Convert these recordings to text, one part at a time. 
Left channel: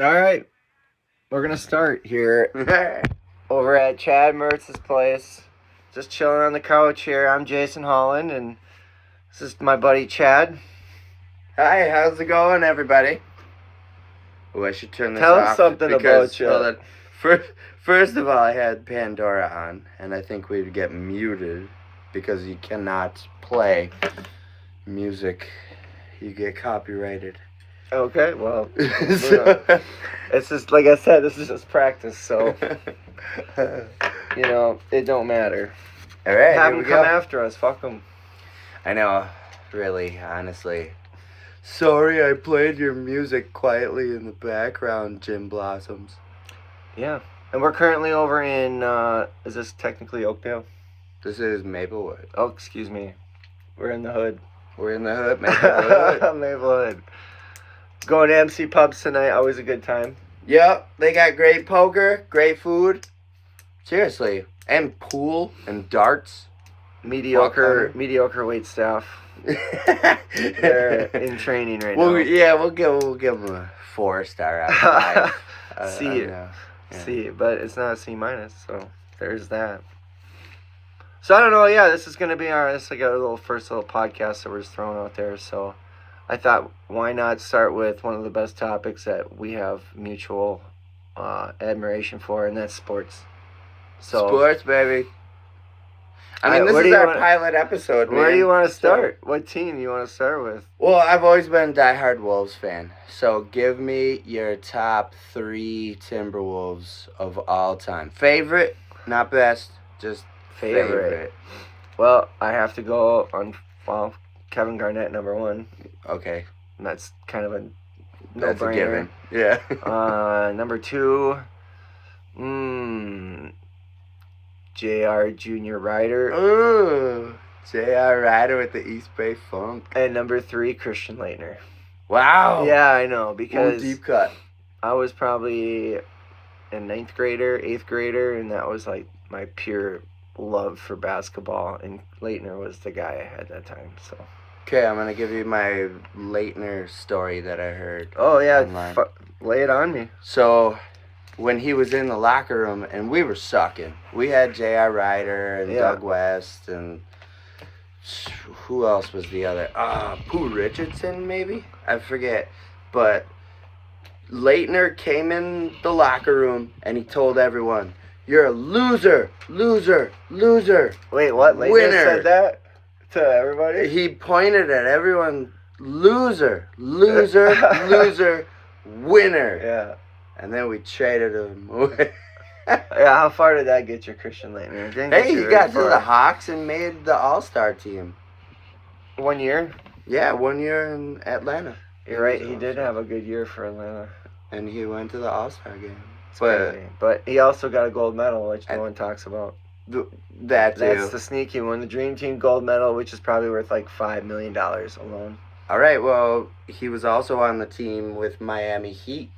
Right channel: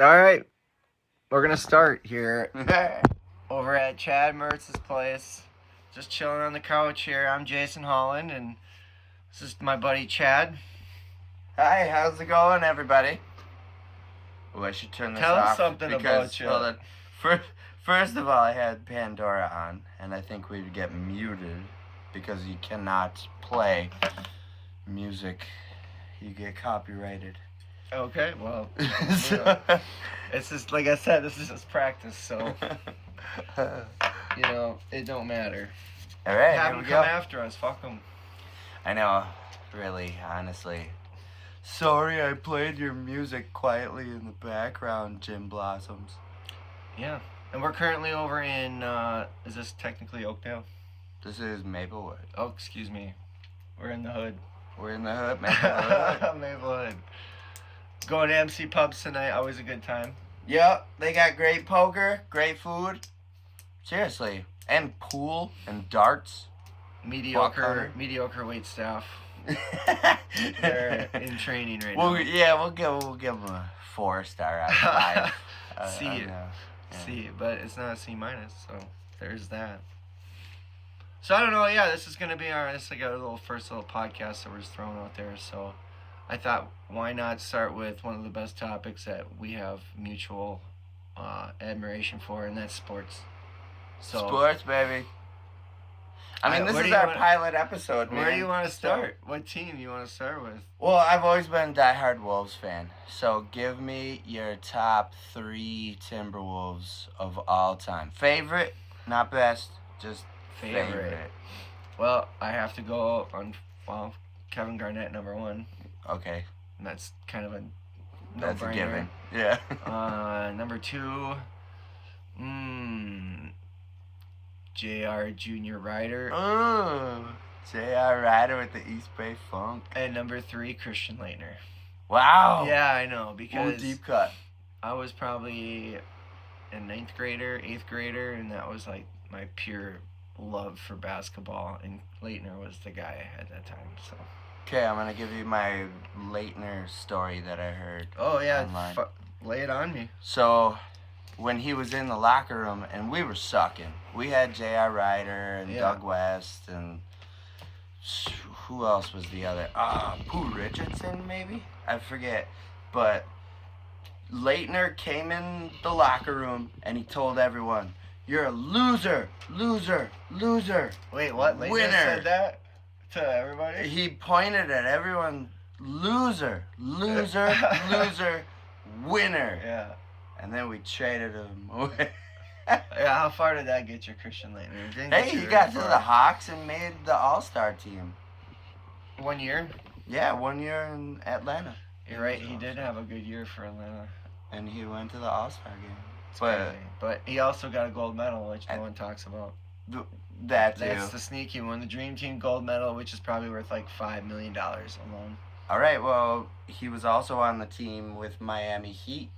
All right, we're gonna start here over at Chad Mertz's place. Just chilling on the couch here. I'm Jason Holland, and this is my buddy Chad. Hi, how's it going, everybody? Oh, I should turn this Tell off. us something about you. Hold on. First of all, I had Pandora on, and I think we'd get muted because you cannot play music. You get copyrighted. Okay, well, So- it's just like I said. This is just practice, so it don't matter. All right, Have here them we come go. after us. Fuck them. I know, really, honestly. Sorry, I played your music quietly in the background, Jim Blossoms. Yeah, and we're currently over in. Is this technically Oakdale? This is Maplewood. Oh, excuse me. We're in the hood. We're in the hood, Maplewood. Maplewood. Going to MC Pubs tonight. Always a good time. Yep, they got great poker, great food. Seriously, and pool and darts. Mediocre wait staff. They're in training right now. Yeah, we'll give them a 4-star out of 5. C, yeah. C, but it's not a C minus, so there's that. So I don't know. Yeah, this is gonna be this is like a first little podcast that we're just throwing out there. So I thought, why not start with one of the best topics that we have mutual admiration for, and that's sports. So Sports, baby. I mean, this is our pilot episode, man. Where do you want to start? What team you want to start with? Well, I've always been a diehard Wolves fan. So give me your top 3 Timberwolves of all time. Favorite, not best, just favorite. Well, I have to go on, Kevin Garnett, number 1. Okay. And that's kind of a That's no-brainer. a given. Yeah. Number 2, J.R. Junior Ryder. Ooh, J.R. Ryder with the East Bay Funk. And number 3, Christian Laettner. Wow. Yeah, I know, because deep cut. I was probably a 9th grader, 8th grader, and that was like my pure love for basketball, and Laettner was the guy I had that time. So. Okay, I'm gonna give you my Laettner story that I heard. Oh yeah, online. Lay it on me. So, when he was in the locker room and we were sucking, we had J.R. Ryder and Doug West and who else was the other? Pooh Richardson maybe? I forget. But Laettner came in the locker room and he told everyone, "You're a loser, loser, loser." Wait, what? Laettner winner. Said that to everybody? He pointed at everyone, loser, loser, loser, winner. Yeah. And then we traded him away. Yeah, how far did that get you, Christian Laettner? Hey, he got to the Hawks and made the All-Star team. 1 year? Yeah, 1 year in Atlanta. You're right, he did have a good year for Atlanta. And he went to the All-Star game. But he also got a gold medal, which no one talks about. That too. That's the sneaky one. The Dream Team gold medal, which is probably worth like $5 million alone. All right, well, he was also on the team with Miami Heat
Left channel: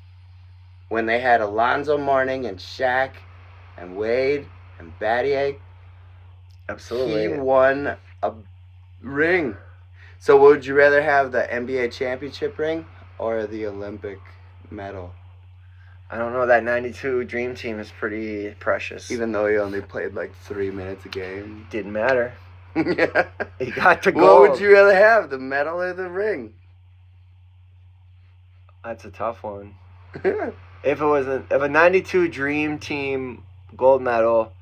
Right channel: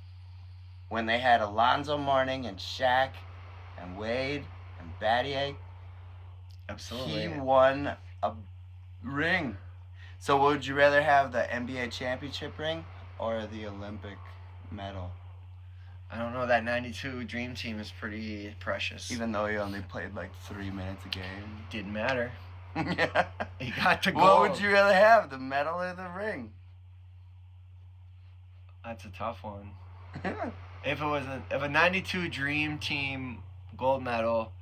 when they had Alonzo Mourning and Shaq and Wade and Battier. Absolutely. He won a ring. So would you rather have the NBA championship ring or the Olympic medal? I don't know. That 92 Dream Team is pretty precious. Even though he only played like 3 minutes a game. Didn't matter. Yeah. He got the gold. What would you rather have, the medal or the ring? That's a tough one. If a 92 Dream Team gold medal,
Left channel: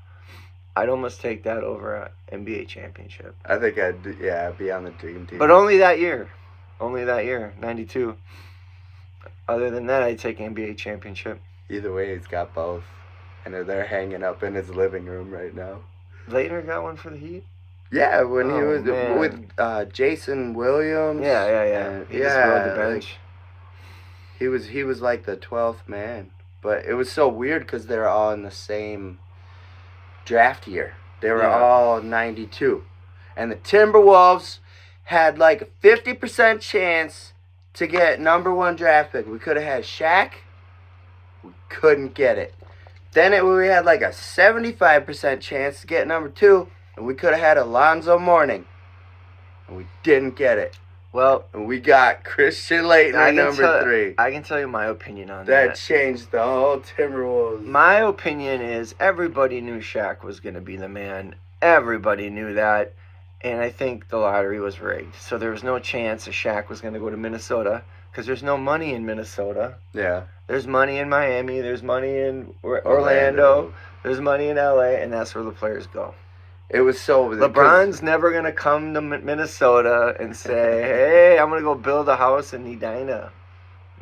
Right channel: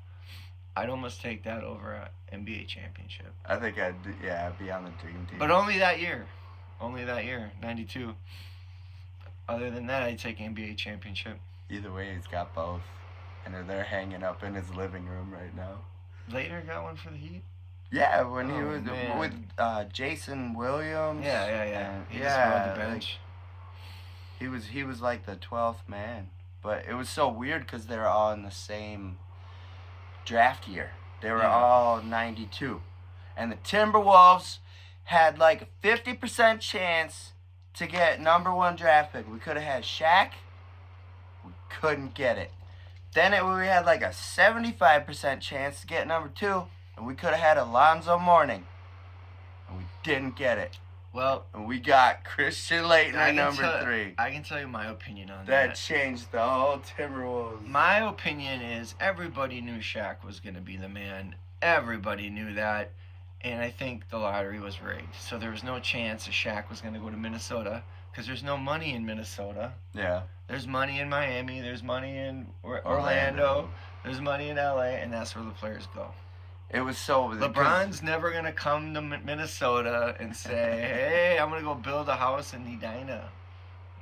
I'd almost take that over an NBA championship. I think I'd be on the Dream Team. But only that year. 92. Other than that, I'd take NBA championship. Either way, he's got both. And they're hanging up in his living room right now. Laettner got one for the Heat? Yeah, when he was man. with Jason Williams. Yeah. He just rode the bench. He was like the 12th man. But it was so weird because they were all in the same draft year. They were all 92. And the Timberwolves had like a 50% chance to get number 1 draft pick. We could have had Shaq. We couldn't get it. Then we had like a 75% chance to get number 2. And we could have had Alonzo Mourning. And we didn't get it. Well, And we got Christian Laettner at number 3. I can tell you my opinion on That that. changed the whole Timberwolves. My opinion is everybody knew Shaq was going to be the man. Everybody knew that. And I think the lottery was rigged. So there was no chance that Shaq was going to go to Minnesota because there's no money in Minnesota. Yeah. There's money in Miami. There's money in Orlando. There's money in LA. And that's where the players go. It was so... LeBron's never going to come to Minnesota and say, hey, I'm going to go build a house in Edina.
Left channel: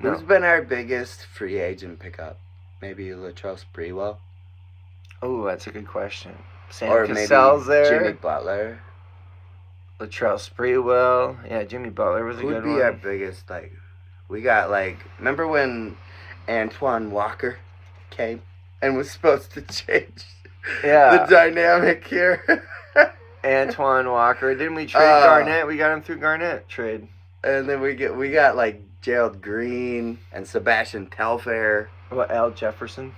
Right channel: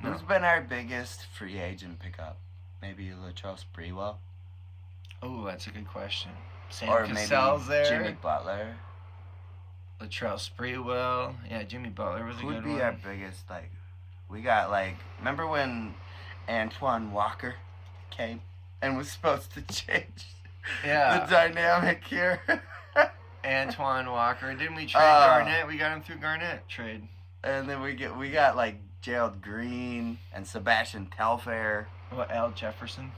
No. Who's been our biggest free agent pickup? Maybe Latrell Sprewell? Oh, that's a good question. Sam Or Cassell's maybe there. Jimmy Butler? Latrell Sprewell. Yeah, Jimmy Butler was a good one. Who'd be our biggest, we got, remember when Antoine Walker came and was supposed to change the dynamic here? Antoine Walker. Didn't we trade Garnett? We got him through Garnett trade. And then we got Gerald Green and Sebastian Telfair. What, Al Jefferson?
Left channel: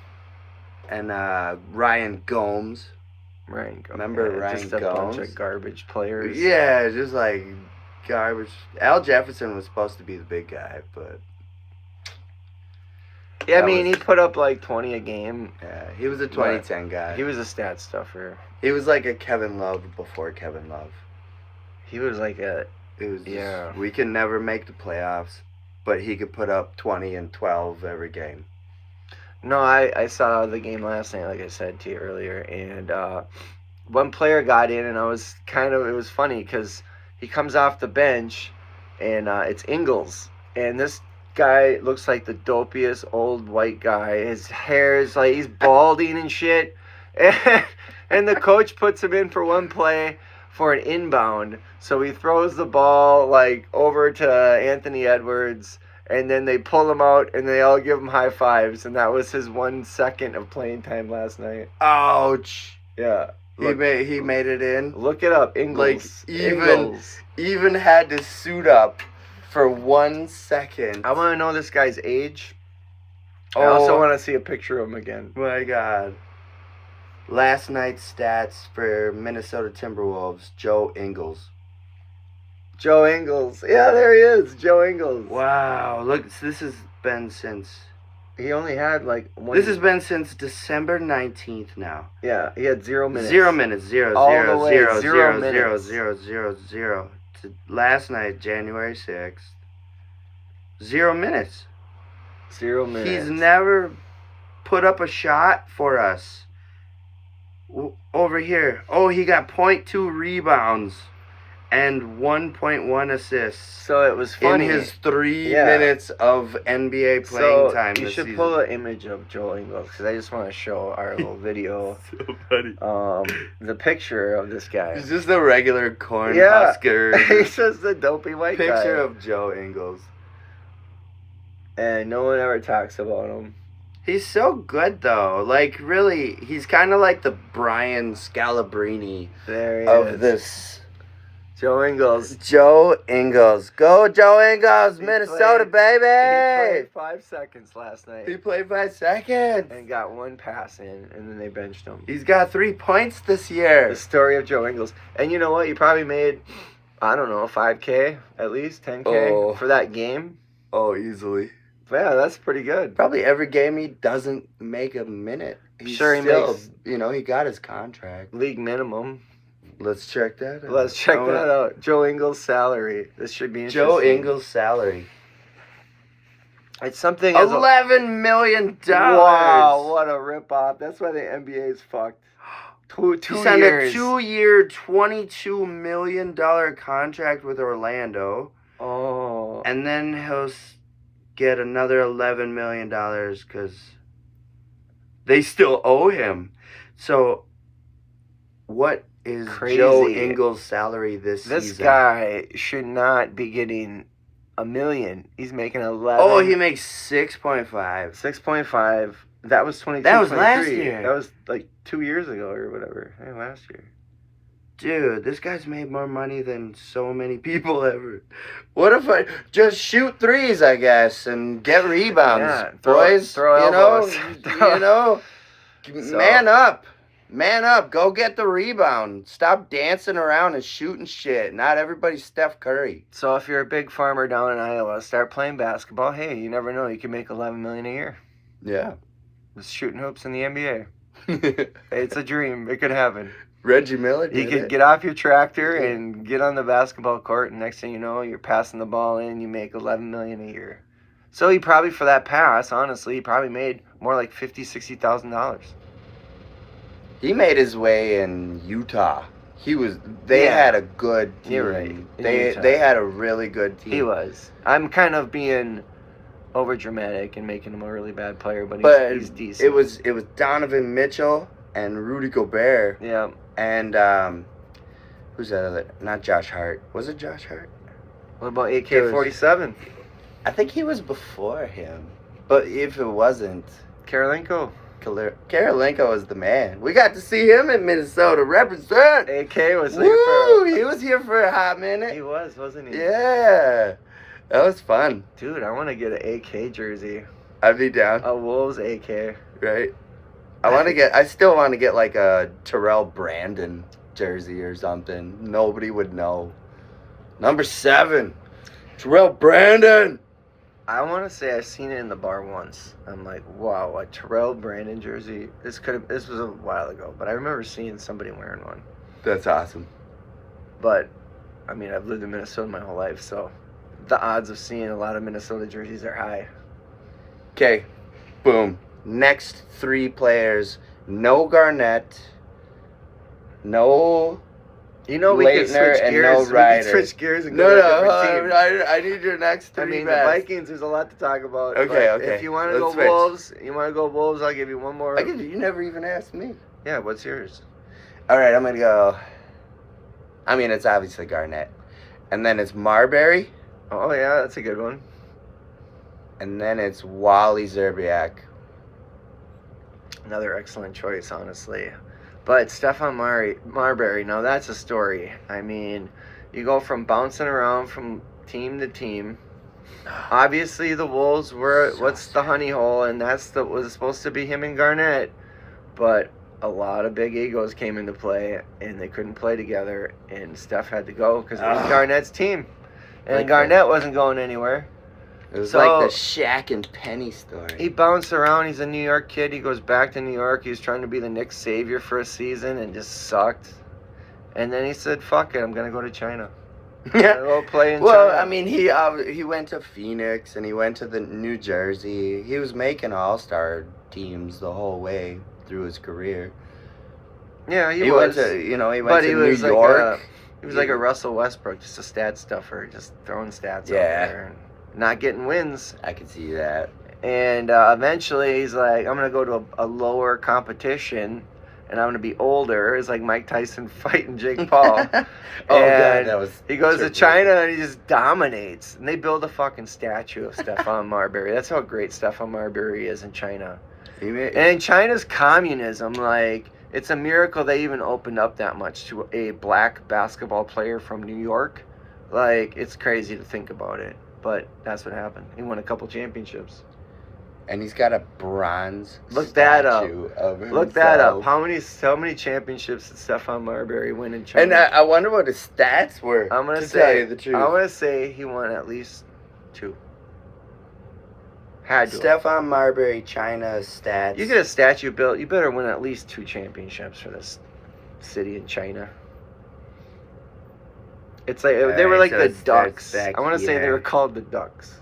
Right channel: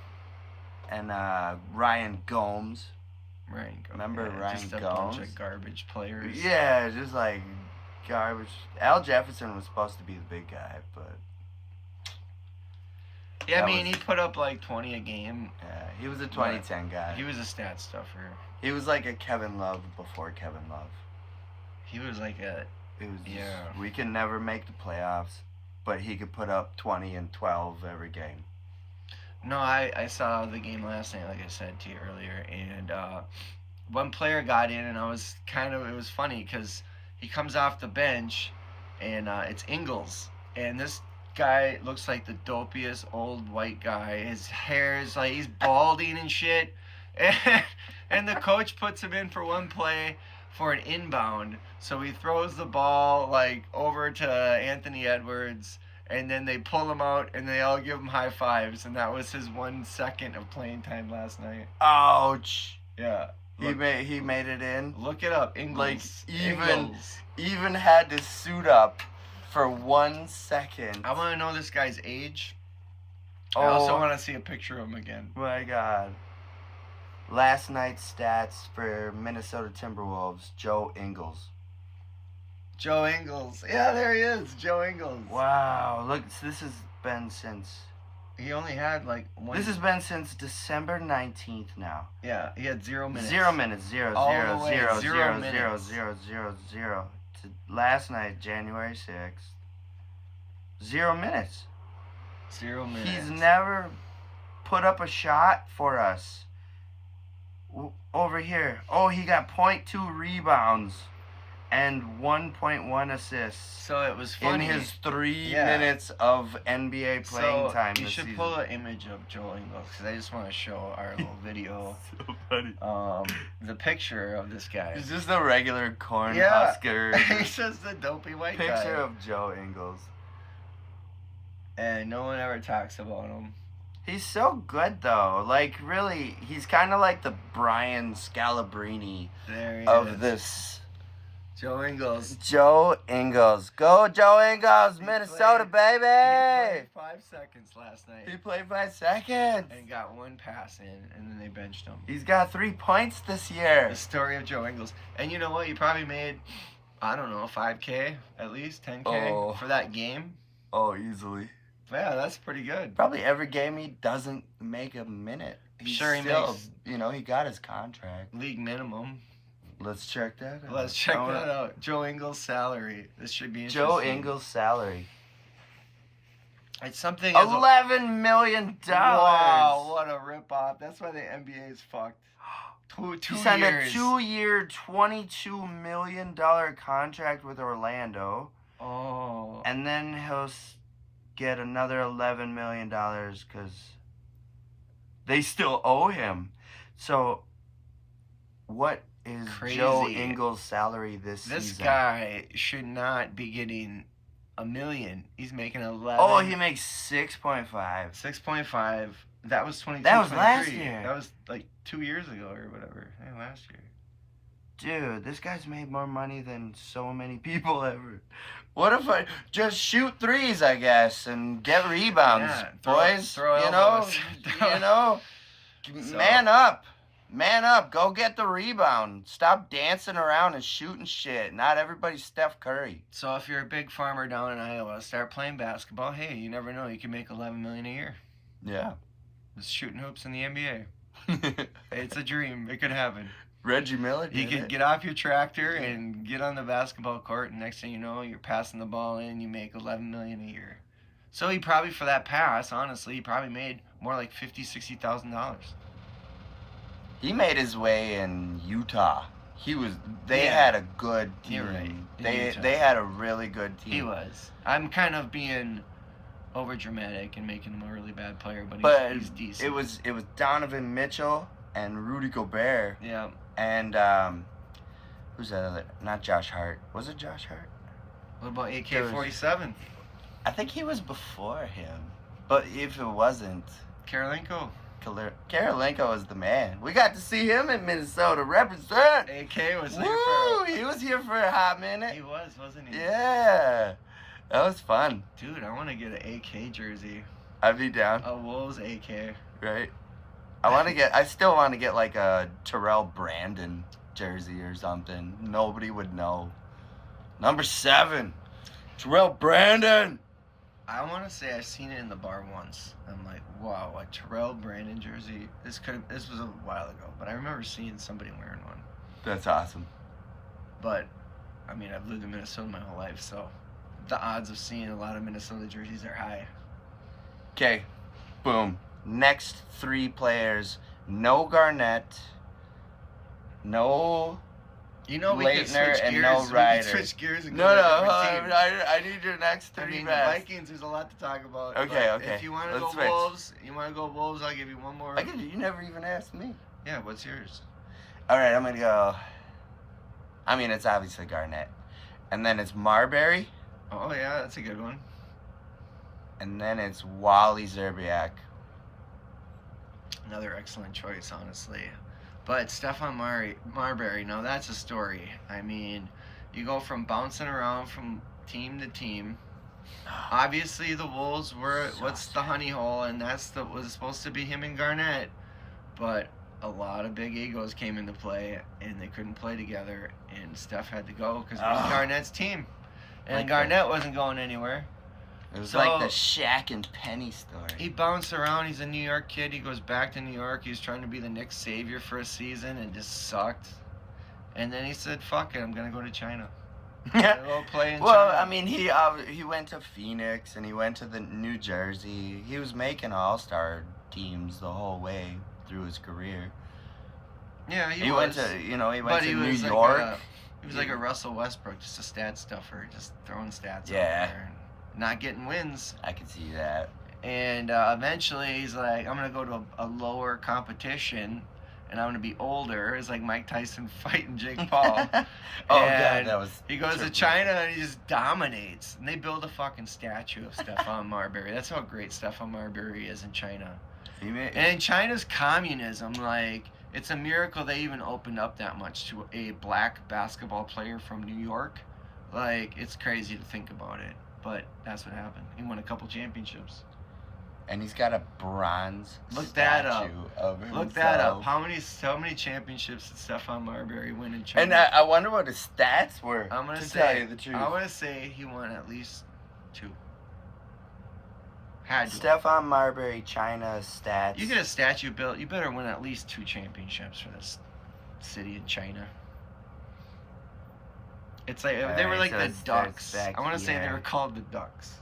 And Ryan Gomes. Ryan Gomes. Remember Ryan just a Gomes? bunch of garbage players. Yeah, just garbage. Al Jefferson was supposed to be the big guy, but... Yeah, I mean, he put up 20 a game. Yeah, he was a 2010 guy. He was a stat stuffer. He was like a Kevin Love before Kevin Love. He was like a... It was just, we can never make the playoffs, but he could put up 20 and 12 every game. No, I saw the game last night, like I said to you earlier, and one player got in, and it was funny because he comes off the bench, and it's Ingles, and this guy looks like the dopiest old white guy. His hair is he's balding and shit, and the coach puts him in for one play for an inbound, so he throws the ball over to Anthony Edwards. And then they pull him out, and they all give him high fives, and that was his 1 second of playing time last night. Ouch! Yeah, he made it in. Look it up, Ingles. Even had to suit up for 1 second. I want to know this guy's age. I also want to see a picture of him again. My God. Last night's stats for Minnesota Timberwolves: Joe Ingles. Joe Ingles. Yeah, there he is. Joe Ingles. Wow. Look, this has been since... He only had one... This has been since December 19th now. Yeah, he had 0 minutes. 0 minutes. 0, All 0, the way, 0, 0 0, minutes. 0, 0, 0, 0. To last night, January 6th. 0 minutes. 0 minutes. He's never put up a shot for us. Over here. Oh, he got 0.2 rebounds. And 1.1 assists. So it was funny. In his 3 minutes of NBA playing time this season. You should pull an image of Joe Ingles, because I just want to show our little video. So funny. The picture of this guy. He's just a regular Cornhusker. He's just a dopey white guy. Picture of Joe Ingles. And no one ever talks about him. He's so good, though. Really, he's kind of like the Brian Scalabrine of this... Joe Ingles. Joe Ingles. Go, Joe Ingles. Minnesota, baby. He played 5 seconds last night. He played 5 seconds. And got one pass in, and then they benched him. He's got 3 points this year. The story of Joe Ingles. And you know what? He probably made, I don't know, $5K at least, $10K for that game. Oh, easily. Yeah, that's pretty good. Probably every game he doesn't make a minute. He makes, he got his contract. League minimum. Let's check that out. Let's check that out. Joe Ingles' salary. This should be interesting. Joe Ingles' salary. It's something... $11 million. Wow, what a ripoff. That's why the NBA is fucked. Two he signed years. A 2-year, $22 million contract with Orlando. Oh. And then he'll get another $11 million because they still owe him. So, what is Joe Ingles' salary this season? This guy should not be getting $1 million. He's making 11. Oh, he makes 6.5. 6.5. That was 22. That was 23. last year. That was 2 years ago or whatever. Yeah, last year. Dude, this guy's made more money than so many people ever. What if I just shoot threes, I guess, and get rebounds, boys? Throw elbows. Man up. Man up. Go get the rebound. Stop dancing around and shooting shit. Not everybody's Steph Curry. So if you're a big farmer down in Iowa, start playing basketball. Hey, you never know. You can make $11 million a year. Yeah. Just shooting hoops in the NBA. It's a dream. It could happen. Reggie Miller You could get off your tractor and get on the basketball court, and next thing you know, you're passing the ball in, you make $11 million a year. So he probably, for that pass, honestly, he probably made more like $50,000-$60,000. He made his way in Utah. They had a good team. You're right. They had a really good team. He was. I'm kind of being over dramatic and making him a really bad player, but he's decent. It was Donovan Mitchell and Rudy Gobert. Yeah. And who's that other? Not Josh Hart. Was it Josh Hart? What about AK-47? I think he was before him. But if it wasn't, Karolinko. Karolinko was the man. We got to see him in Minnesota represent. AK was here he was here for a hot minute. He was, wasn't he? Yeah. That was fun. Dude, I want to get an AK jersey. I'd be down. A Wolves AK. Right. I still want to get like a Terrell Brandon jersey or something. Nobody would know. Number 7. Terrell Brandon. I want to say I've seen it in the bar once. I'm like, wow, a Terrell Brandon jersey. This was a while ago, but I remember seeing somebody wearing one. That's awesome. But, I mean, I've lived in Minnesota my whole life, so the odds of seeing a lot of Minnesota jerseys are high. Okay, boom. Next 3 players. No Garnett. No You know, we could Leitner switch and gears. no We could Ryder. switch gears and No, go to a different team. I need your next 3 I mean, best. the Vikings, there's a lot to talk about. Okay, but okay. If you want to go Let's switch. Wolves, I'll give you one more. You never even asked me. Yeah, what's yours? All right, I'm going to go. I mean, it's obviously Garnett. And then it's Marbury. Oh, yeah, that's a good one. And then it's Wally Zerbiak. Another excellent choice, honestly. But Stephon Marbury, now that's a story. I mean, you go from bouncing around from team to team. Obviously, the Wolves were the honey hole, and was supposed to be him and Garnett. But a lot of big egos came into play, and they couldn't play together, and Steph had to go because it was Garnett's team. And Garnett wasn't going anywhere. It was like the Shaq and Penny story. He bounced around. He's a New York kid. He goes back to New York. He was trying to be the Knicks savior for a season and just sucked. And then he said, fuck it, I'm going to go to China. Go play in China. I mean, he went to Phoenix and he went to the New Jersey. He was making all-star teams the whole way through his career. Yeah, he went was. to New York. He was like a Russell Westbrook, just a stat stuffer, just throwing stats out there. And not getting wins. I can see that. And eventually he's like, I'm going to go to a lower competition and I'm going to be older. It's like Mike Tyson fighting Jake Paul. God, that was he goes to China and he just dominates. And they build a fucking statue of Stephon Marbury. That's how great Stephon Marbury is in China. And China's communism, like, it's a miracle they even opened up that much to a black basketball player from New York. Like, it's crazy to think about it. But that's what happened. He won a couple championships. And he's got a bronze Look that up. Of himself. Look that up. How many championships did Stephon Marbury win in China? And I wonder what his stats were. I'm gonna tell you the truth. I'm gonna say he won at least 2. Had to. Stephon Marbury, China stats. You get a statue built, you better win at least 2 championships for this city in China. It's like they were like the Ducks. I want to say they were called the Ducks.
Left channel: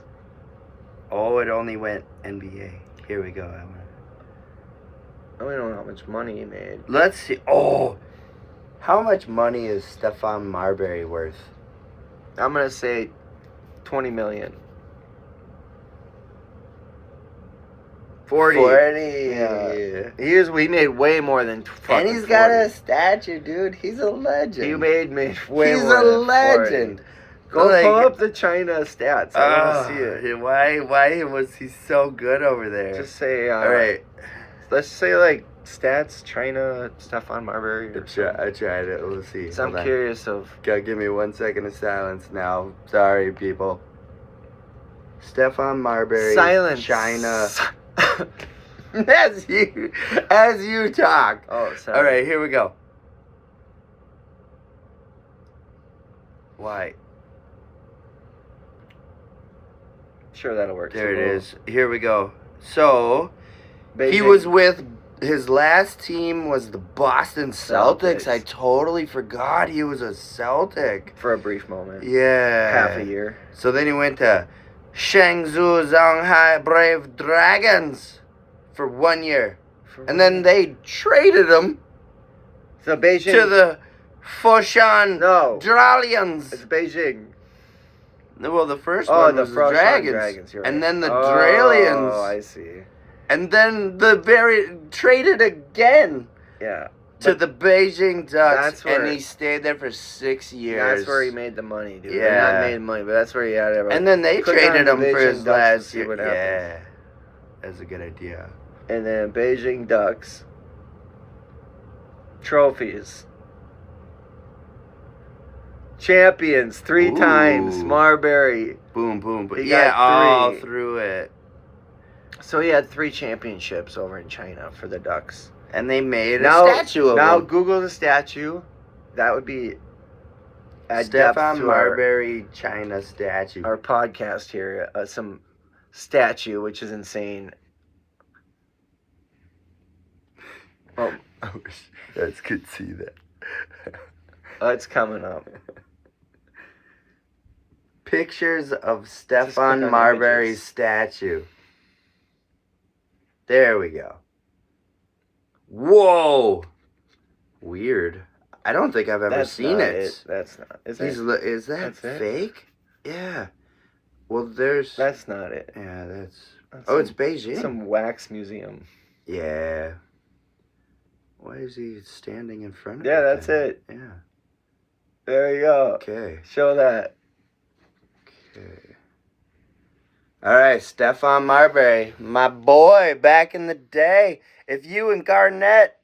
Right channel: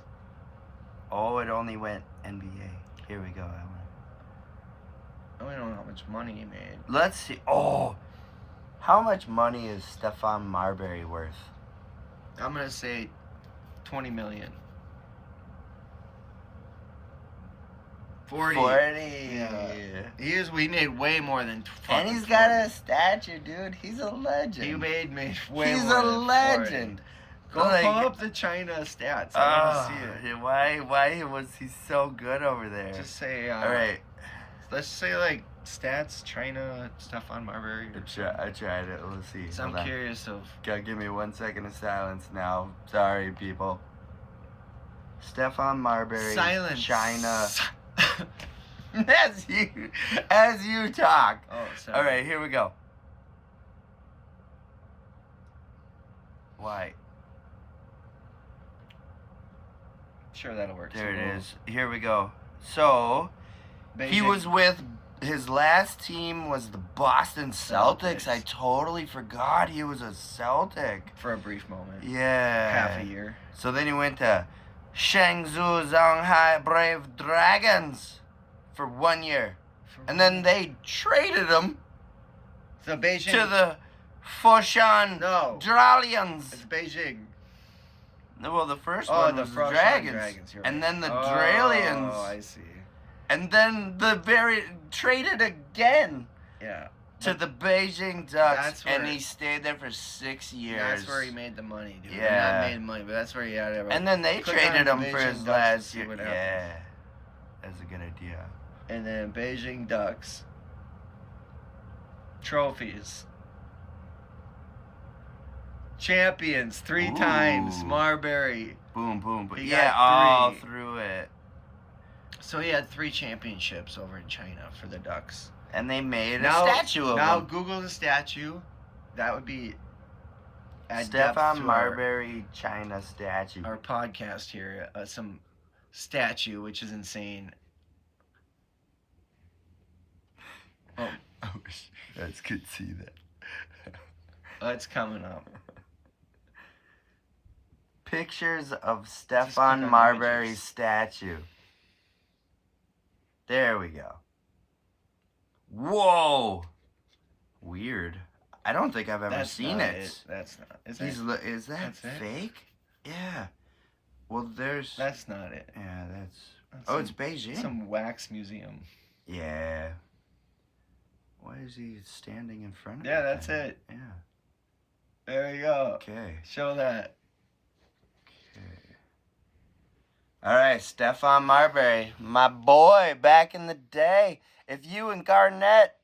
Oh, it only went NBA. Here we go. I don't know how much money he made. Let's see. Oh, how much money is Stephon Marbury worth? I'm gonna say $20 million. 40. Yeah. He made way more than and he's got a statue, dude. He's a legend. He made way he's more. He's a legend. Go pull up the China stats. I want to see it. Why was he so good over there? Just say. All right. Let's say like stats China Stephon Marbury. I tried it. Let's see. So I'm curious of. Gotta give me 1 second of silence now. Sorry, people. Stephon Marbury. Silence. China. as you talk. Oh, sorry. All right, here we go. Why? Sure, that'll work. There it is. Here we go. So, he Beijing. was with, his last team was the Boston Celtics. I totally forgot he was a Celtic. For a brief moment. Yeah. Half a year. So then he went to Shangzhou Shanghai Brave Dragons for 1 year. And then they traded him So Beijing. to the Foshan Dralians. It's Beijing. Well, the first one was the Dragons. You're right. And then the Dralians. Oh, I see. And then traded again. Yeah. To the Beijing Ducks. That's where, and he stayed there for 6 years. That's where he made the money, dude. Yeah. Not made money, but that's where he had it. And then they traded him for his last year. Yeah. That's a good idea. And then Beijing Ducks. Trophies. Champions 3 times. Marbury. Boom, boom, boom. He Yeah, got all 3. through it. So he had 3 championships over in China for the Ducks. And they made a statue of Now him. Google the statue. That would be Stefan Marbury China statue. Our podcast here. Some statue, which is insane. Oh, I wish you guys could see that. It's coming up. Pictures of Stefan Marbury's statue. There we go. Whoa! Weird. I don't think I've ever seen it. That's not. Is that fake? Yeah. Well, there's. That's not it. Yeah, that's it's Beijing. Some wax museum. Yeah. Why is he standing in front of it? Yeah, that's it. Yeah. There you go. Okay. Show that. Okay. All right, Stefan Marbury, my boy, back in the day. If you and Garnett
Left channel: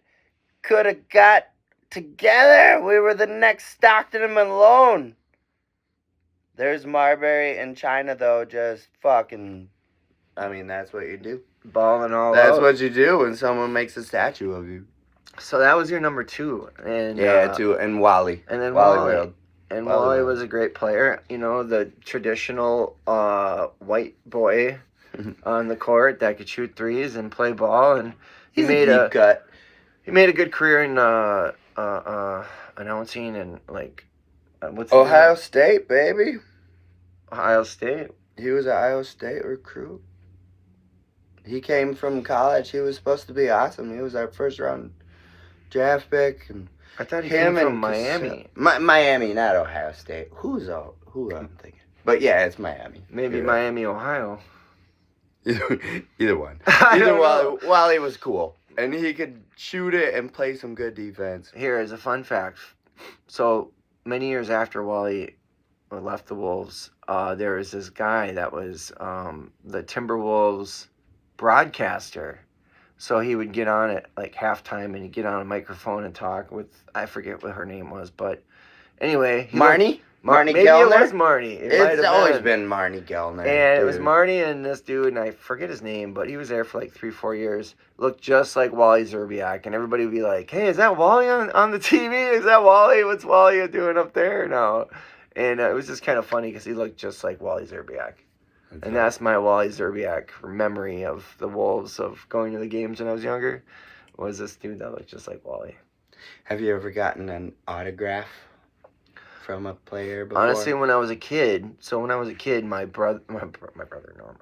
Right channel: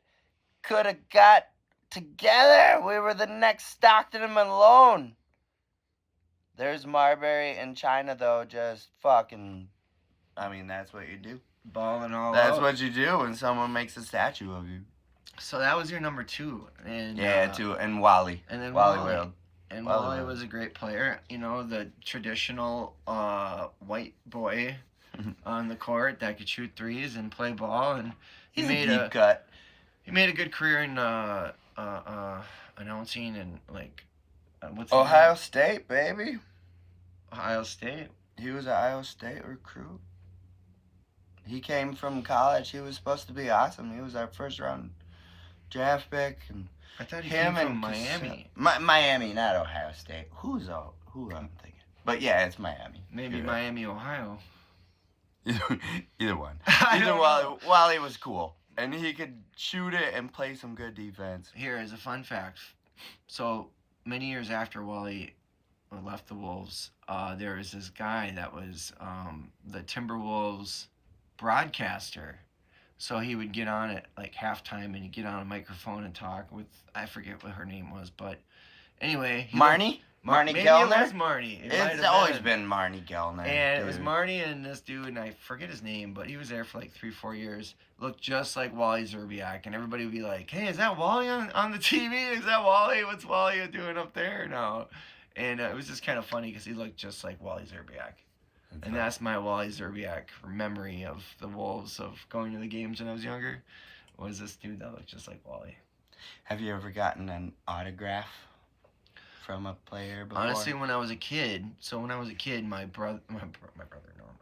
could have got together, we were the next Stockton and Malone. There's Marbury in China, though, just fucking. I mean, that's what you do. Balling all That's out. what you do when someone makes a statue of you. So that was your number 2, and and Wally. And then Wally Wally. World. And Wally Wally World. was a great player. You know, the traditional white boy on the court that could shoot threes and play ball, and He's a deep cut. He made a good career in announcing and like what's Ohio State, baby. Ohio State. He was an Iowa State recruit. He came from college. He was supposed to be awesome. He was our first round draft pick, and I thought he came from Miami. Miami, not Ohio State. Who I'm thinking? But yeah, it's Miami. Maybe Miami, Ohio. Either one. I Either don't know. Wally was cool, and he could shoot it and play some good defense. Here is a fun fact. So many years after Wally left the Wolves, there was this guy that was the Timberwolves broadcaster. So he would get on at like halftime and he'd get on a microphone and talk with, I forget what her name was, but anyway. Marnie? Marnie maybe Gellner? It was Marnie. It's always been Marnie Gellner. And it was Marnie and this dude, and I forget his name, but he was there for like 3-4 years. Looked just like Wally Zerbiak, and everybody would be like, hey, is that Wally on the TV? Is that Wally? What's Wally doing up there now? And it was just kind of funny because he looked just like Wally Zerbiak. And that's my Wally Zerbiak memory of the Wolves, of going to the games when I was younger, was this dude that looked just like Wally. Have you ever gotten an autograph from a player before? Honestly, when I was a kid, my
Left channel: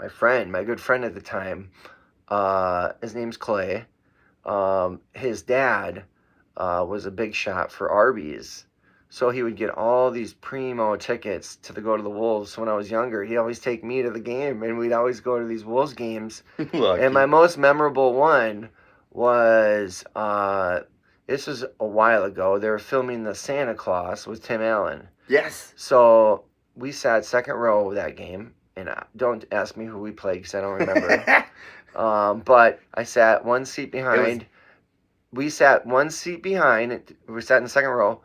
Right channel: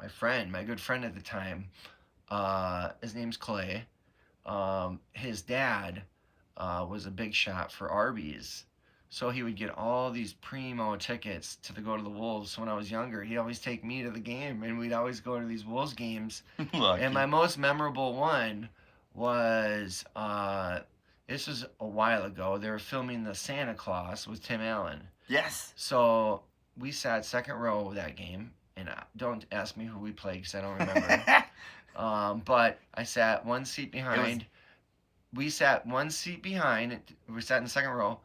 friend, my good friend at the time, his name's Clay, his dad was a big shot for Arby's. So he would get all these primo tickets to go to the Wolves. When I was younger, he'd always take me to the game, and we'd always go to these Wolves games. And my most memorable one was, this was a while ago. They were filming the Santa Claus with Tim Allen. Yes. So we sat second row that game, and don't ask me who we played because I don't remember. But I sat one seat behind. We sat one seat behind. We sat in the second row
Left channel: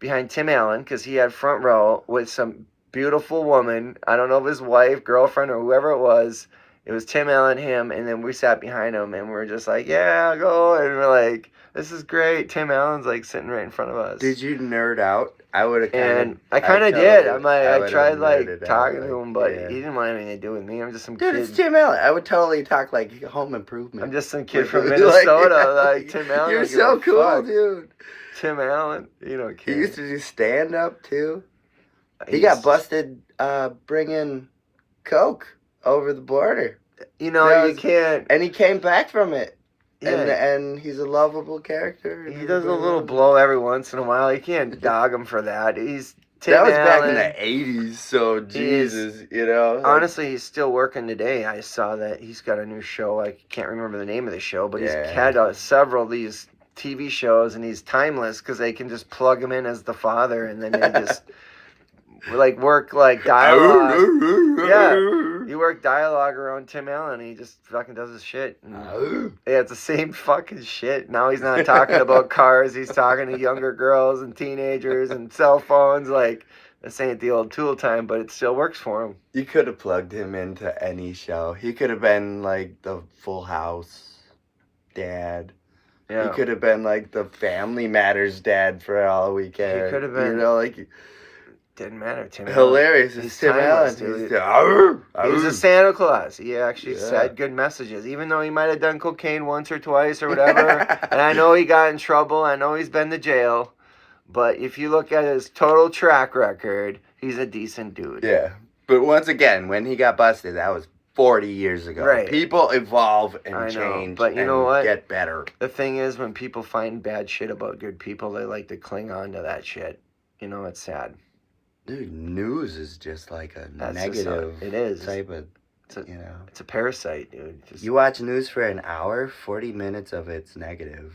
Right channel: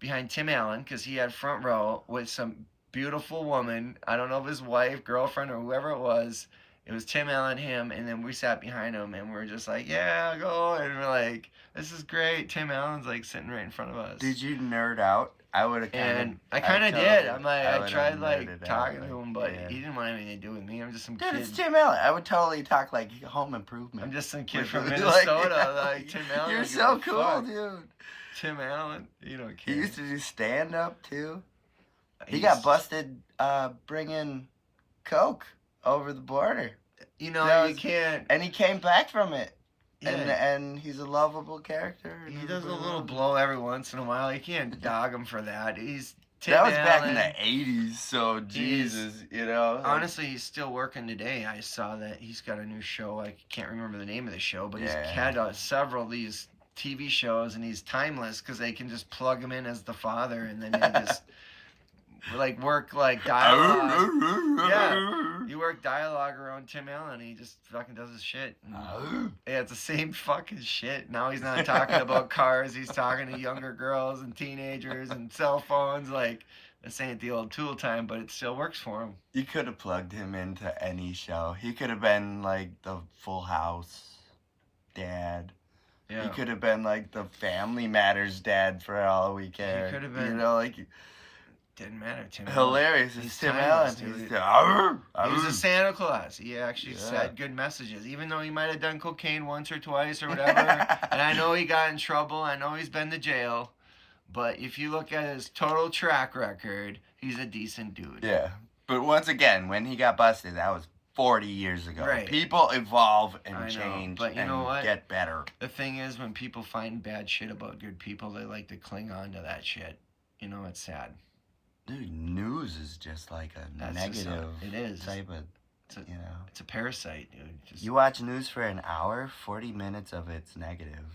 behind Tim Allen because he had front row with some beautiful woman. I don't know if his wife, girlfriend, or whoever it was. It was Tim Allen, him, and then we sat behind him, and we were just like, yeah, go. And we're like, this is great. Tim Allen's like sitting right in front of us. Did you nerd out? I would have And I kind of did. I'm like, I tried like talking to him, but yeah. he didn't want anything to do with me. I'm just some Dude, kid. it's Tim Allen. I would totally talk like Home Improvement. I'm just some kid from Minnesota, like Tim Allen. You're so cool, fuck. Dude. Tim Allen, you know, kid. He used to do stand up too. He got busted bringing coke over the border. You know, you can't. And he came back from it. Yeah. And he's a lovable character. He does a little blow every once in a while. You can't dog him for that. He's Tim That was Allen. back in the 80s, so Jesus, you know. Honestly, he's still working today. I saw that he's got a new show. I can't remember the name of the show, but he's had several of these TV shows, and he's timeless because they can just plug him in as the father, and then they just like work like dialogue. Yeah, you work dialogue around Tim Allen, and he just fucking does his shit. And, yeah, it's the same fucking shit. Now he's not talking about cars. He's talking to younger girls and teenagers and cell phones. Like, this ain't the old Tool time, but it still works for him. You could have plugged him into any show. He could have been like the Full House dad. Yeah. He could have been like the Family Matters dad for all we care. He could have been. You know, like... Didn't matter, Tim Allen. Hilarious. It's Tim Allen. He was a Santa Claus. He actually said good messages, even though he might have done cocaine once or twice or whatever. And I know he got in trouble. I know he's been to jail. But if you look at his total track record, he's a decent dude. Yeah. But once again, when he got busted, that was 40 years ago. Right. People evolve and change, but you know what? Get better. The thing is, when people find bad shit about good people, they like to cling on to that shit. You know, it's sad. Dude, news is just like a negative it is. Type of, you know. It's a parasite, dude. You watch news for an hour, 40 minutes of it's negative.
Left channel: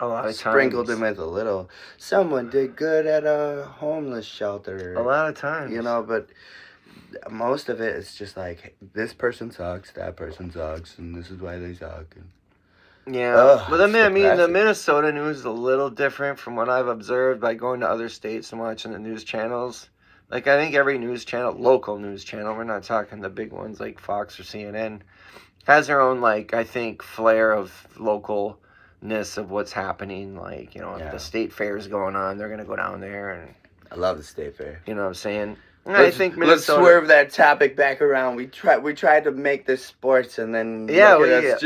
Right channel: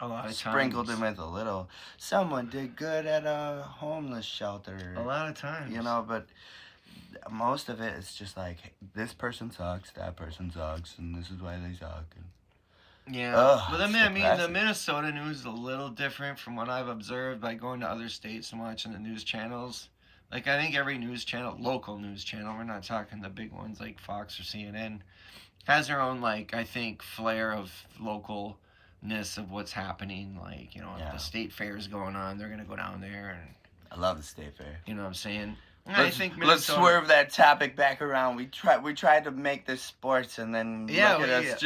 A lot of times. Sprinkled in with a little, someone did good at a homeless shelter. A lot of times. You know, but most of it is just like, this person sucks, that person sucks, and this is why they suck. Yeah, but the Minnesota news is a little different from what I've observed by going to other states and watching the news channels. Like, I think every news channel, local news channel, we're not talking the big ones like Fox or CNN, has their own, like, I think, flair of localness of what's happening. Like, you know, if the state fair is going on, they're going to go down there. And I love the state fair. You know what I'm saying? Let's swerve that topic back around. We tried to make this sports, and then we go into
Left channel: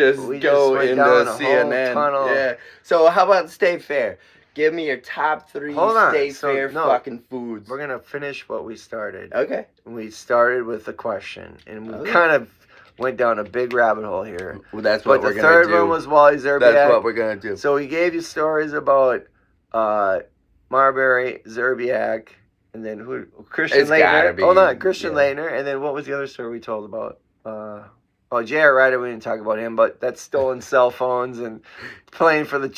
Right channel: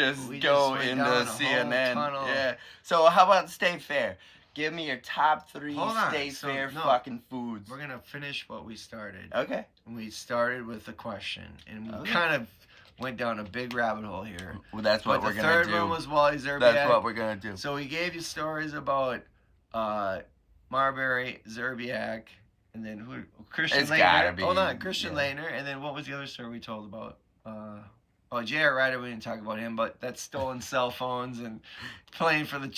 CNN. Yeah. So how about state fair? Give me your top 3 state fair fucking foods. We're gonna finish what we started. Okay. We started with a question, and we kind of went down a big rabbit hole here. Well, that's what we're gonna do. But the third one was Wally Zerbiak. That's what we're gonna do. So we gave you stories about Marbury, Zerbiak. And then who? Christian Laettner. Hold on, Christian Laettner. And then what was the other story we told about? J.R. Ryder. We didn't talk about him, but that's stolen cell phones and playing for the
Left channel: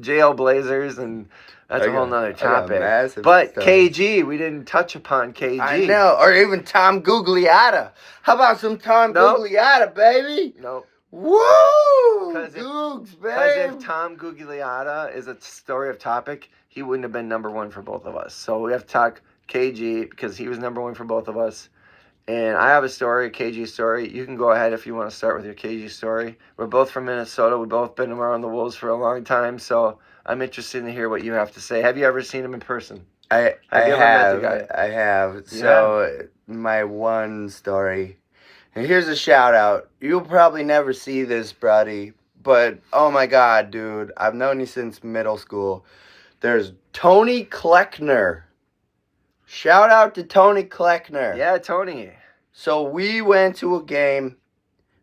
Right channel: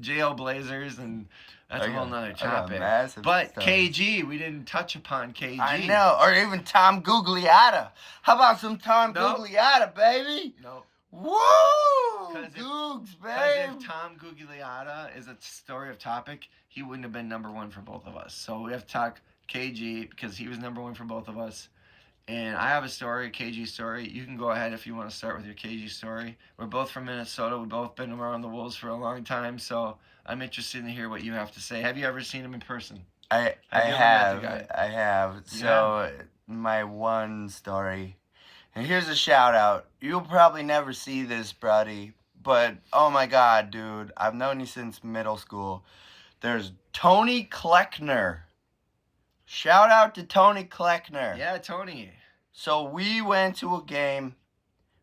jail Blazers, and that's a whole nother topic. But KG, we didn't touch upon KG. I know, or even Tom Gugliotta. How about some Tom Gugliotta, baby? Nope. Woo! Googs, babe. Because if Tom Gugliotta is a story of topic, he wouldn't have been number 1 for both of us. So we have to talk KG because he was number 1 for both of us. And I have a story, a KG story. You can go ahead if you want to start with your KG story. We're both from Minnesota. We've both been around the Wolves for a long time. So I'm interested to hear what you have to say. Have you ever seen him in person? I have. So my one story. And here's a shout out. You'll probably never see this, Brody. But, oh my God, dude. I've known you since middle school. There's Tony Kleckner. Shout out to Tony Kleckner. Yeah, Tony. So we went to a game.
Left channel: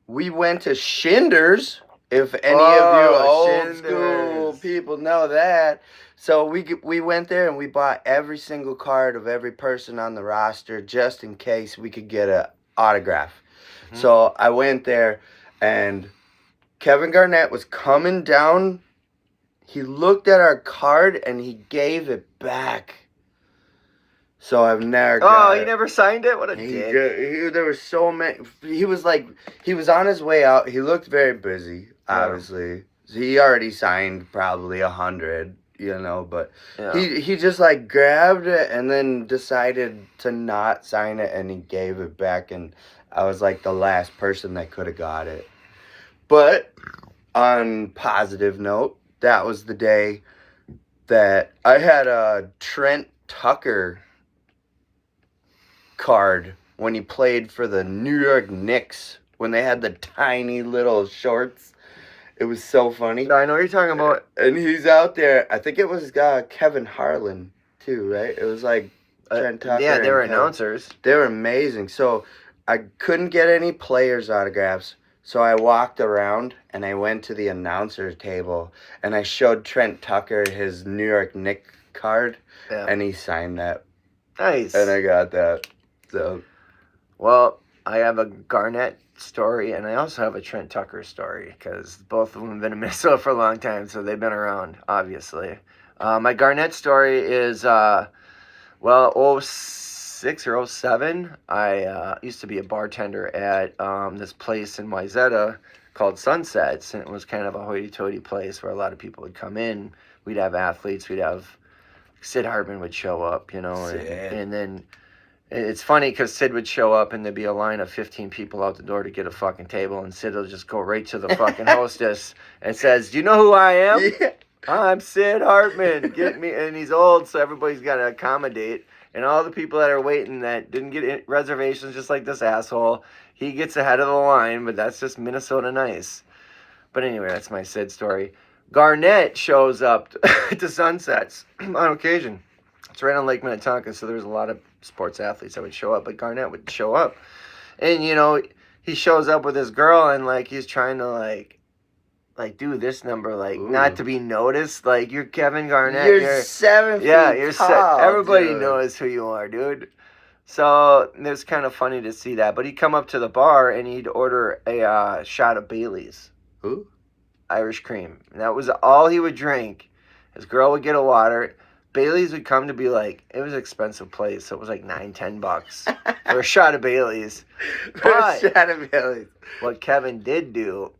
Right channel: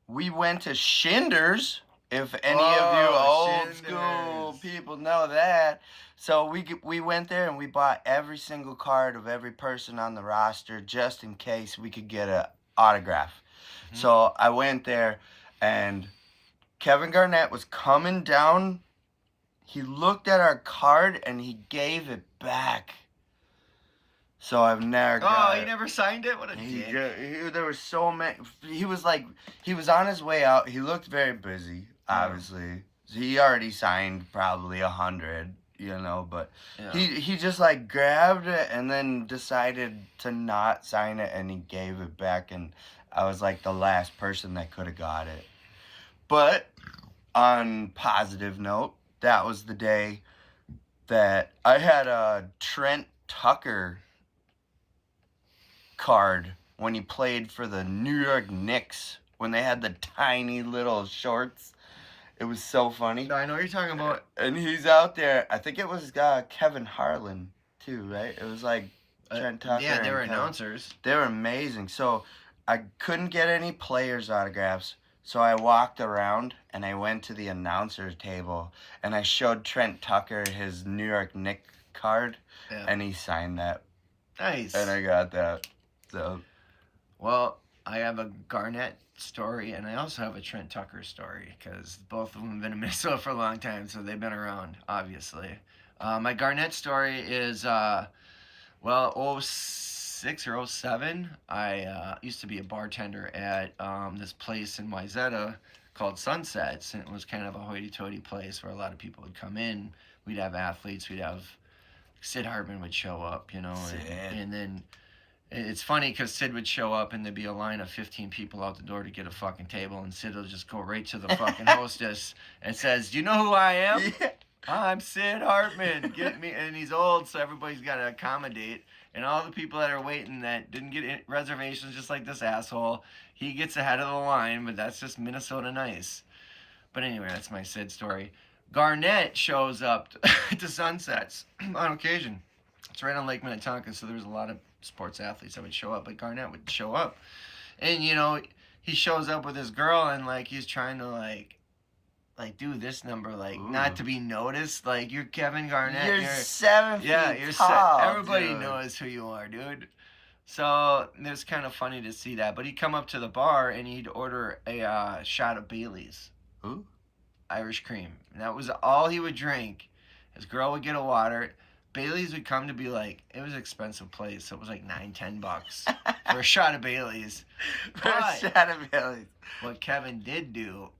We went to Schindler's. If any of you old school people know that. So we went there and we bought every single card of every person on the roster just in case we could get an autograph. Mm-hmm. So I went there and Kevin Garnett was coming down. He looked at our card and he gave it back. So I've never got he never signed it? What a dick. There were so many. He was on his way out. He looked very busy, obviously. Yeah. He already signed probably 100, but he just grabbed it and then decided to not sign it and he gave it back. And I was like the last person that could have got it. But on positive note, that was the day that I had a Trent Tucker card when he played for the New York Knicks when they had the tiny little shorts. It was so funny. I know what you're talking about. And he's out there. I think it was Kevin Harlan too, right? It was like Trent Tucker. Yeah, they were Kevin. announcers. They were amazing. So I couldn't get any players' autographs. So I walked around and I went to the announcer table and I showed Trent Tucker his New York Knicks card, and he signed that. Nice. And I got that. So, well, I have a Garnett story and I also have a Trent Tucker story because both of them have been in Minnesota for a long time, so they've been around, obviously. My Garnett story is, 06 or 07. I used to be a bartender at this place in Wayzata called Sunsets, and it was kind of a hoity-toity place where a lot of people would come in. We'd have athletes. We'd have Sid Hartman would show up, and then it's funny because Sid would show up and there'd be a line of 15 people out the door to get a fucking table, and Sid will just go right to the fucking hostess and says, "Do you know who I am? yeah. I'm Sid Hartman. Get me." And he's old, so everybody's got to accommodate. And all the people that are waiting that didn't get reservations, just like this asshole, he gets ahead of the line, but that's just Minnesota nice. But anyway, that's my Sid story. Garnett shows up to Sunsets on occasion. It's right on Lake Minnetonka, so there's a lot of sports athletes that would show up, but Garnett would show up. And, he shows up with his girl, and, he's trying to, do this number, not to be noticed. You're Kevin Garnett. You're 7 feet tall, everybody dude. knows who you are, dude. So it was kind of funny to see that. But he'd come up to the bar, and he'd order a shot of Bailey's. Who? Irish cream. And that was all he would drink. His girl would get a water. Bailey's would come to be it was an expensive place, so it was $9-10 for a shot of Bailey's. But a shot of Bailey's. What Kevin did do,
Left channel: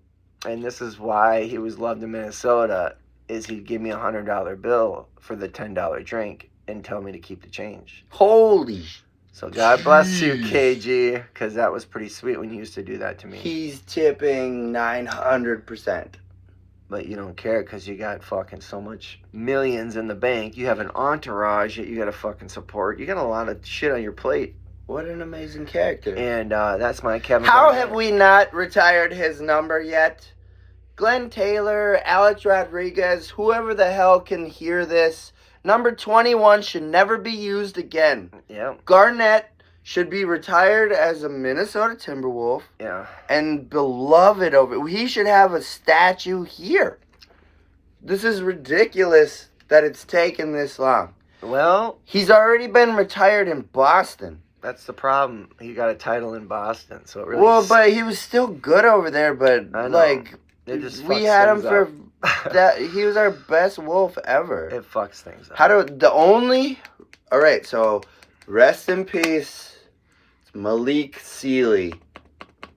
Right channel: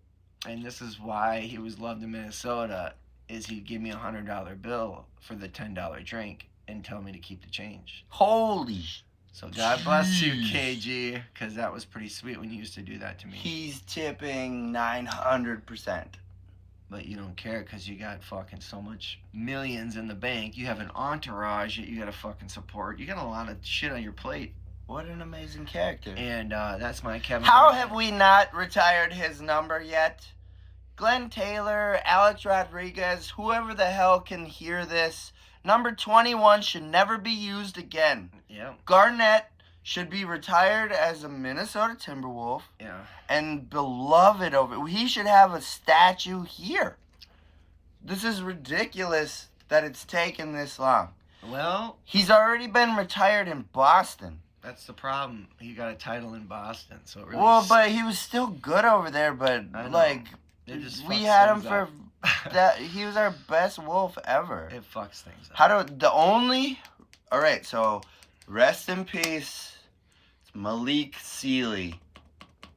and this is why he was loved in Minnesota, is he'd give me a $100 bill for the $10 drink and tell me to keep the change. Holy. So God bless you, KG, because that was pretty sweet when you used to do that to me. He's tipping 900%. But you don't care because you got fucking so much millions in the bank. You have an entourage that you got to fucking support. You got a lot of shit on your plate. What an amazing character. And that's my Kevin. How Garnett. have we not retired his number yet? Glenn Taylor, Alex Rodriguez, whoever the hell can hear this, number 21 should never be used again. Yeah. Garnett should be retired as a Minnesota Timberwolf. Yeah. And beloved over. He should have a statue here. This is ridiculous that it's taken this long. Well, he's already been retired in Boston. That's the problem. He got a title in Boston, so it really. Well, but he was still good over there. But we had him for that. He was our best Wolf ever. It fucks things up. All right, so rest in peace, it's Malik Sealy.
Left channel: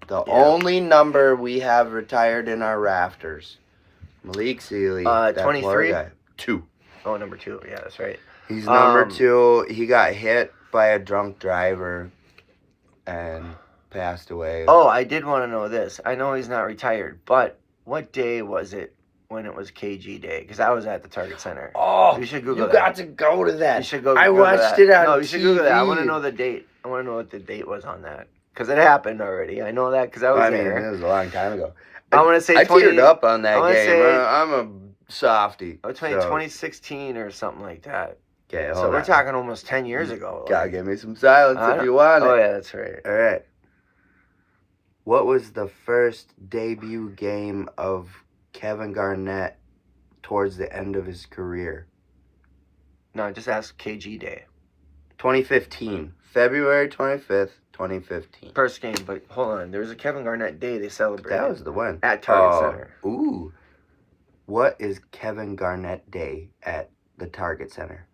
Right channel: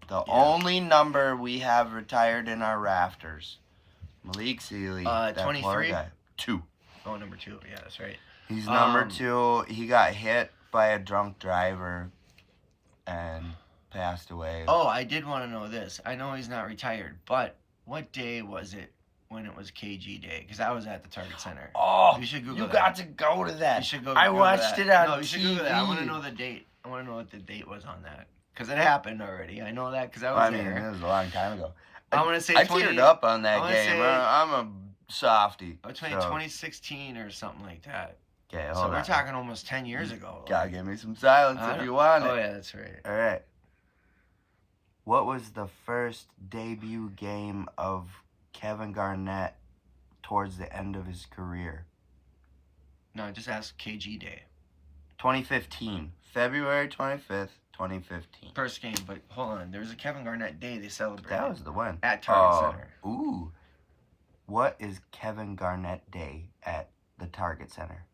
The only number we have retired in our rafters. Malik Sealy. 23? 2. Oh, number 2. Yeah, that's right. He's number 2. He got hit by a drunk driver and passed away. Oh, I did want to know this. I know he's not retired, but what day was it when it was KG Day? Because I was at the Target Center. Oh, you should Google that. You got to go to that. You should go. I watched it on No, you should Google that. I want to TV. know the date. I want to know what the date was on that. Because it happened already. I know that because I was there. It was a long time ago. I want to say I teared up on that game. Say, I'm a softie. 2016 or something like that. Okay, so we're talking almost 10 years ago. Gotta give me some silence if you want it. Oh, yeah, that's right. All right. What was the first debut game of Kevin Garnett towards the end of his career? No, just ask KG Day. 2015. February 25th, 2015. First game, but hold on. There was a Kevin Garnett Day they celebrated. That was the one. At Target Center. Ooh. What is Kevin Garnett Day at the Target Center?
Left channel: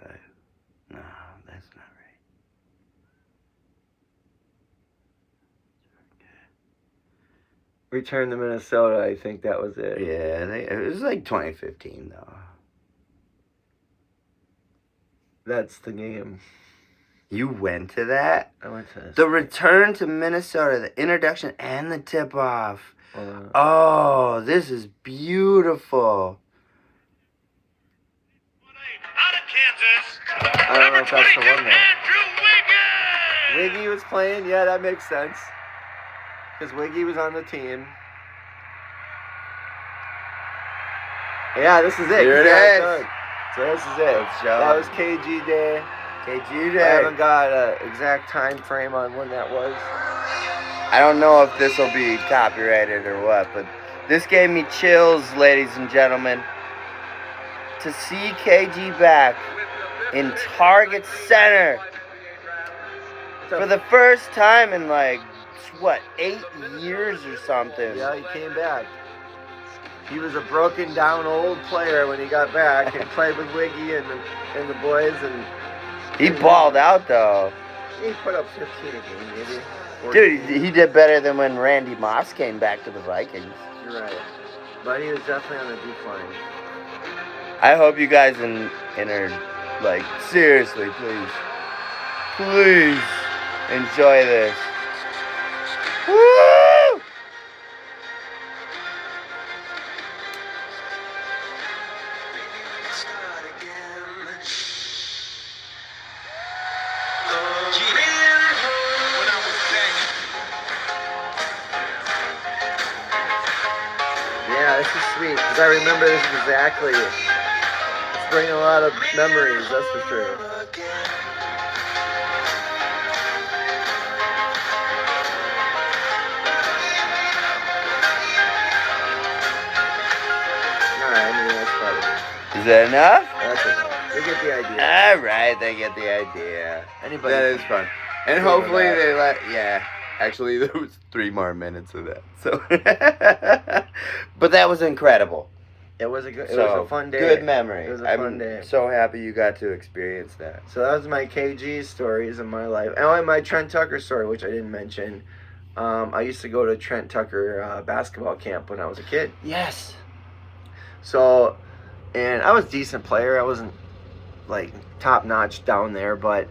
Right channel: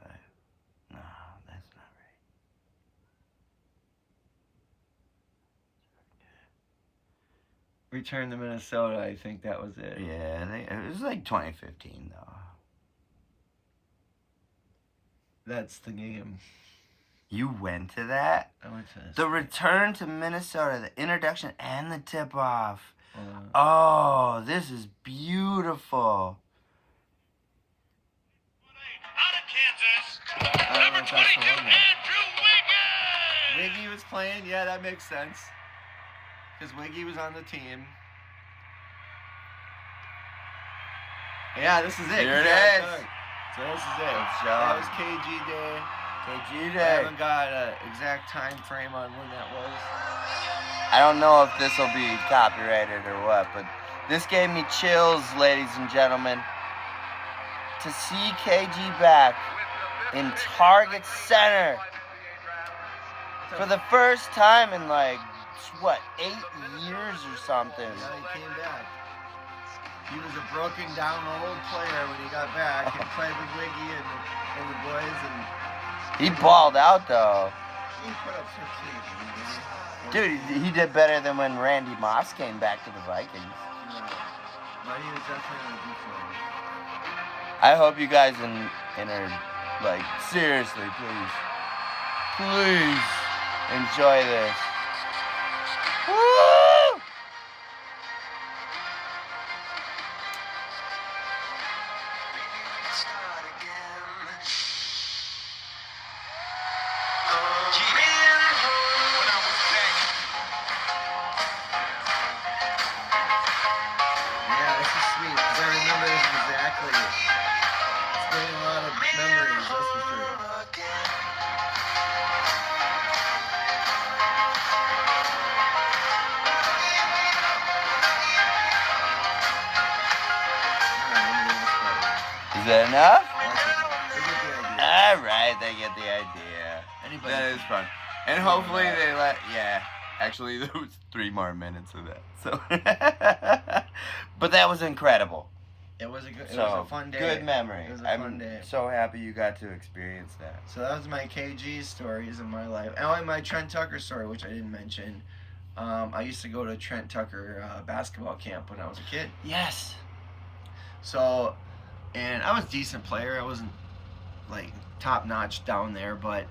5. No, that's not right. Return to Minnesota, I think that was it. Yeah, it was like 2015, though. That's the game. You went to that? I went to this. The return to Minnesota, the introduction and the tip-off. Oh, this is beautiful. I don't know if that's the one there. Wiggy was playing. Yeah, that makes sense. Because Wiggy was on the team. Yeah, this is it. Here it is. So this is it. That was KG Day. KG I Day. haven't got an exact time frame on when that was. I don't know if this will be copyrighted or what, but this gave me chills, ladies and gentlemen. To see KG back in Target Center for the first time in 8 years or something. Yeah, he came back. He was a broken down old player when he got back and played with Wiggy and the boys, and he balled out though. he put up 15 a game, maybe. 14. Dude, he did better than when Randy Moss came back to the Vikings. You're right. But he was definitely on a decline. I hope you guys entered, seriously, please enjoy this. Woo! Yeah, this is sweet, because I remember this exactly. It's bringing a lot of memories, that's for sure. Alright, maybe that's probably. Is that enough? That's enough. They get the idea. Alright, they get the idea. Anybody. That is fun. And hopefully they actually there was 3 more minutes of that. So but that was incredible. It was a fun day. Good memory. It was a fun day. I'm so happy you got to experience that. So that was my KG stories of my life. And my Trent Tucker story, which I didn't mention. I used to go to Trent Tucker basketball camp when I was a kid. Yes. So, and I was a decent player. I wasn't top notch down there, but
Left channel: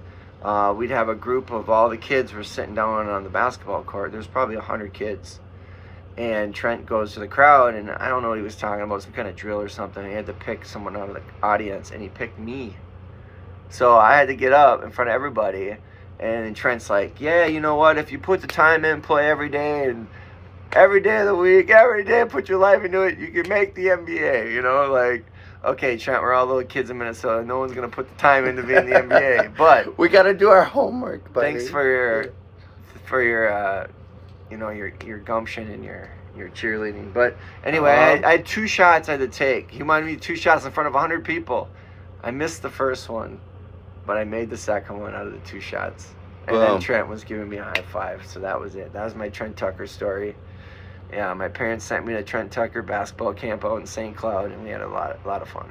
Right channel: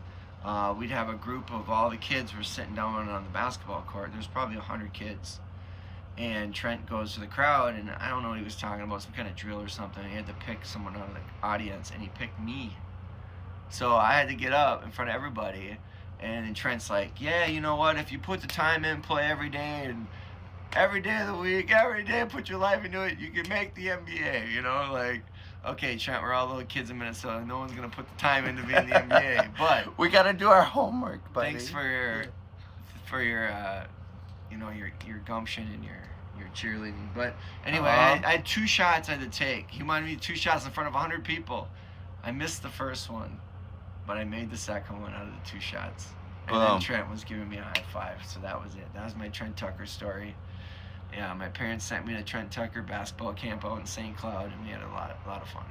we'd have a group of all the kids were sitting down on the basketball court. There's probably 100 kids. And Trent goes to the crowd, and I don't know what he was talking about, some kind of drill or something. He had to pick someone out of the audience, and he picked me. So I had to get up in front of everybody, and Trent's like, yeah, you know what, if you put the time in, play every day, and every day of the week, every day, put your life into it, you can make the NBA, okay, Trent, we're all little kids in Minnesota. No one's going to put the time in to be in the NBA, but we got to do our homework, buddy. Thanks for your your gumption and your cheerleading. But anyway, I had 2 shots I had to take. He wanted me 2 shots in front of 100 people. I missed the first one, but I made the second one out of the 2 shots. And then Trent was giving me a high five, so that was it. That was my Trent Tucker story. Yeah, my parents sent me to Trent Tucker basketball camp out in St. Cloud, and we had a lot of fun.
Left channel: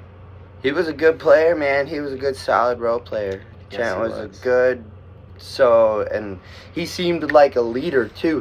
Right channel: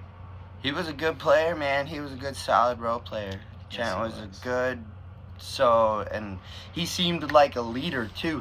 He was a good player, man. He was a good, solid role player. Yes, Trent he was a good, and he seemed like a leader, too.